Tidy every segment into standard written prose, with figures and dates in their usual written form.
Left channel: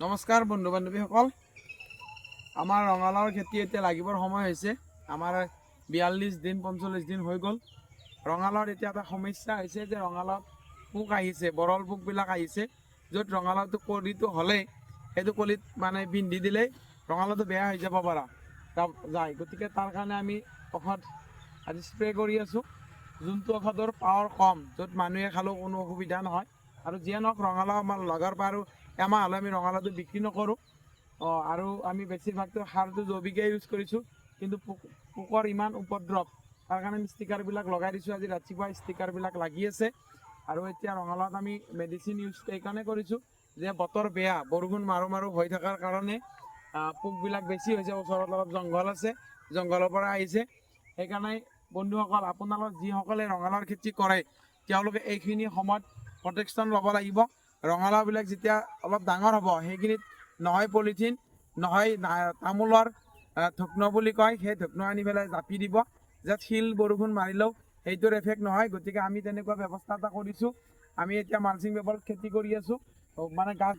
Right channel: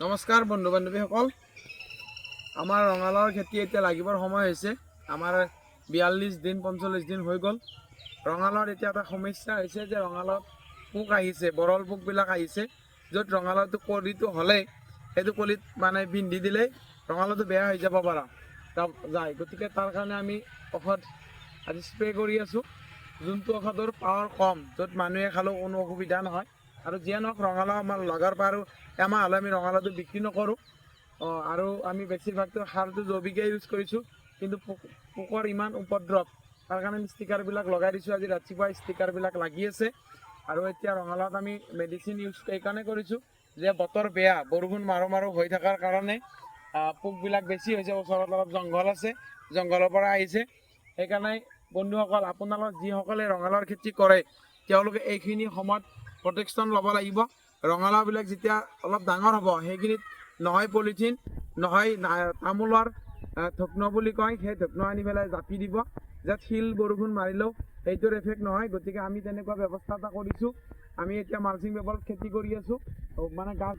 নমস্কাৰ বন্ধু বান্ধৱীসকল, আমাৰ ৰঙালাওৰ খেতি এতিয়া লাগিবৰ সময় হৈছে। আমাৰ 42 দিন 45 দিন হৈ গ'ল। ৰঙালাওৰ এতিয়া এটা সমস্যা হৈছে যে ৰঙালাওত পোক আহিছে, বৰল পোকবিলাক আহিছে, য'ত ৰঙালাওটো কলিটো হ'লে সেইটো কলিত মানে বিন্ধি দিলেই ৰঙালাওটো বেয়া হৈ যাব পৰা যায়। গতিকে তাৰ কাৰণে আমি ঔষধ আজি স্প্ৰে কৰি আছোঁ, যোনটো ঔষধৰ পাৱাৰ কম, য'ত মানুহে খালেও কোনো অসুবিধা নহয়। আৰু যিয়ে নহওক ৰঙালাও আমাৰ লগাৰ পৰা আৰু এমাহ হ'লে আমি ৰঙালাওটো বিক্ৰী নকৰোঁ। আৰু আমি বেছিভাগটো সাৰটো জৈৱিকে ইউজ কৰিছোঁ, কিন্তু পোকৰ ইমান উপদ্ৰৱ, তাৰ কাৰণে আমি ষ্টিকাৰবিলাক লগাই দিছোঁ। আজি ৰাতিপুৱা ষ্টিকাৰবিলাক লাগি আছে। আৰু এতিয়া ৰঙালাওত আমি মেডিচিন ইউজ এইকাৰণে কৰিছোঁ যে বতৰ বেয়া, বৰষুণ মাৰো মাৰো হৈ থকাৰ কাৰণে পোকবিলাক বেছি হৈছে। ওচৰত অলপ জংঘল আছে, জংঘলৰ পৰা আহিছে। সেইকাৰণে বন্ধুসকল, আপোনালোক যিসকলে ৰঙালাওৰ খেতি কৰে তেওঁলোকে এইখিনি সময়ত প্ৰটেকশ্যন ল'ব লাগিব। ৰঙালাওবিলাক যেতিয়া অলপ ডাঙৰ হ'ব, সেইখিনিত নহয় পলিথিন, নহয় তামোলৰ ধুকনো বুলি কয়, সেই ধুকনো আনি পেলাই জাপি দিব, যাতে শিল বৰষুণ মাৰিলেও সেইটোৰ এফেক্ট নহয়। গতিকে আমি তেনেকুৱা ব্যৱস্থা এটা কৰিছোঁ। আমি এতিয়া মালচিং পেপাৰত খেতি কৰি আছোঁ। মানে গাছ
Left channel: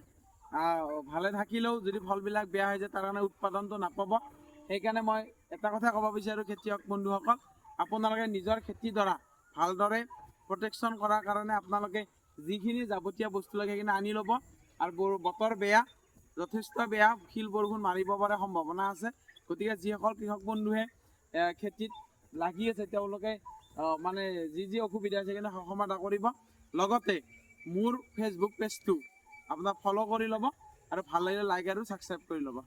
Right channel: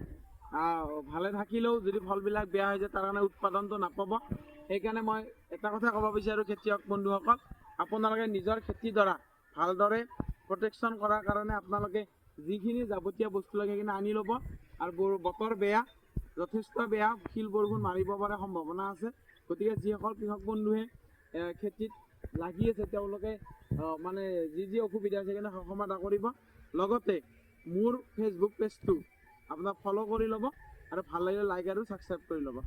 ভালে থাকিলেও যদি ফলবিলাক বেয়া হৈ যায় তাৰ কাৰণে উৎপাদনটো নাপাব। সেইকাৰণে মই এটা কথা ক'ব বিচাৰোঁ খেতিয়ক বন্ধুসকল, আপোনালোকে নিজৰ খেতিৰ দ্বাৰা ভালদৰে প্ৰটেকশ্যন কৰাৰ কাৰণে আপোনালোকে যিখিনি যাৱতীয় বস্তু লাগে সেইখিনি আনি ল'ব। আৰু বতৰ বেয়া, যথেষ্ট বেয়া, শিল বৰষুণ মাৰিব পৰা সম্ভাৱনা আছে। গতিকে যিসকল কৃষক বন্ধুৱে খেতিত লাগি আছে তেওঁলোকে মানে যি অসুবিধা আছে সেইখিনি সমাধান কৰিব। লগতে মোৰ ফেচবুক পেজটো আপোনাক ফ'ল' কৰি ল'ব আৰু ভাল লাগিলে লাইক আৰু ছাবস্ক্ৰাইব কৰি ল'ব।